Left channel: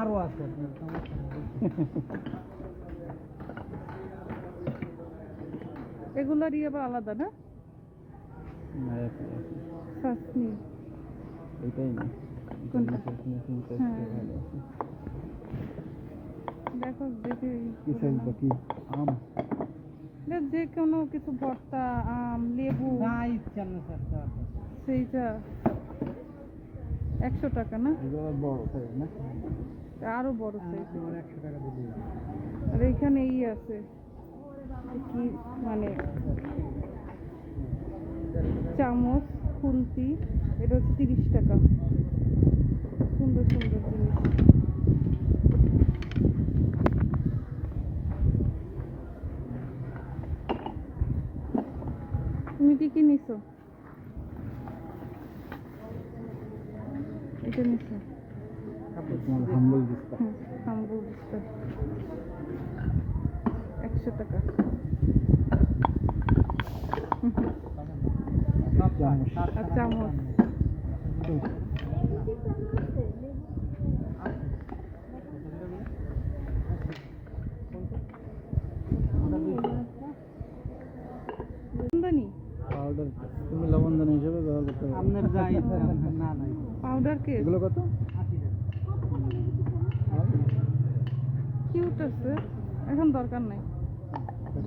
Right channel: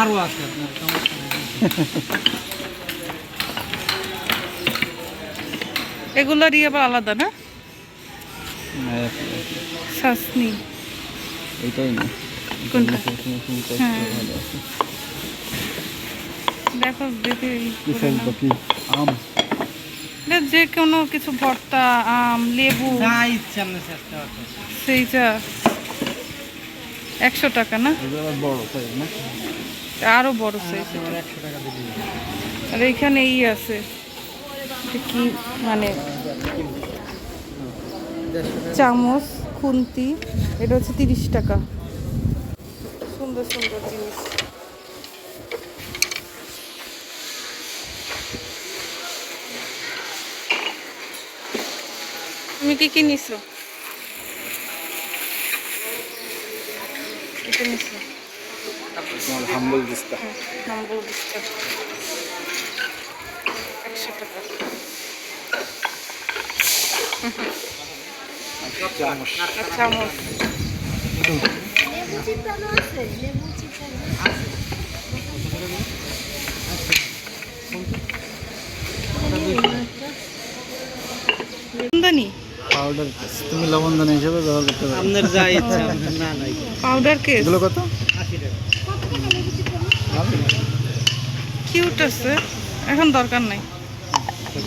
আরও আছে আপনার সমস্যা ইয়ে আবার আলাদা না? শাসনি। এইটাই না। কোনটা? হ্যাঁ। দেখো আম। যে কোনো কিছু ভর্তা আম লেবু। ইচ্ছা সেইটা একশো টাকা না? আরও বড় সাইজ দিবি। আর এখানে ই আছে। কি মানে চামচ খুন্তি এটা হচ্ছে তিরিশ টাকা। সুন্দর সুন্দর জিনিস। তুমি কি কি নিছো? এটা তোমার হাম্বল দিস্তা হ্যাঁ হাম্বল একশো টাকা চামচ চামচ তুমি লবণ দানা হিসেবে ব্যবহার করতে পারো। আপনার যা ইচ্ছা না নাই। পাউডার কেক এগুলো কত? কিউট আছে। এখন দরকার নাই। আচ্ছা।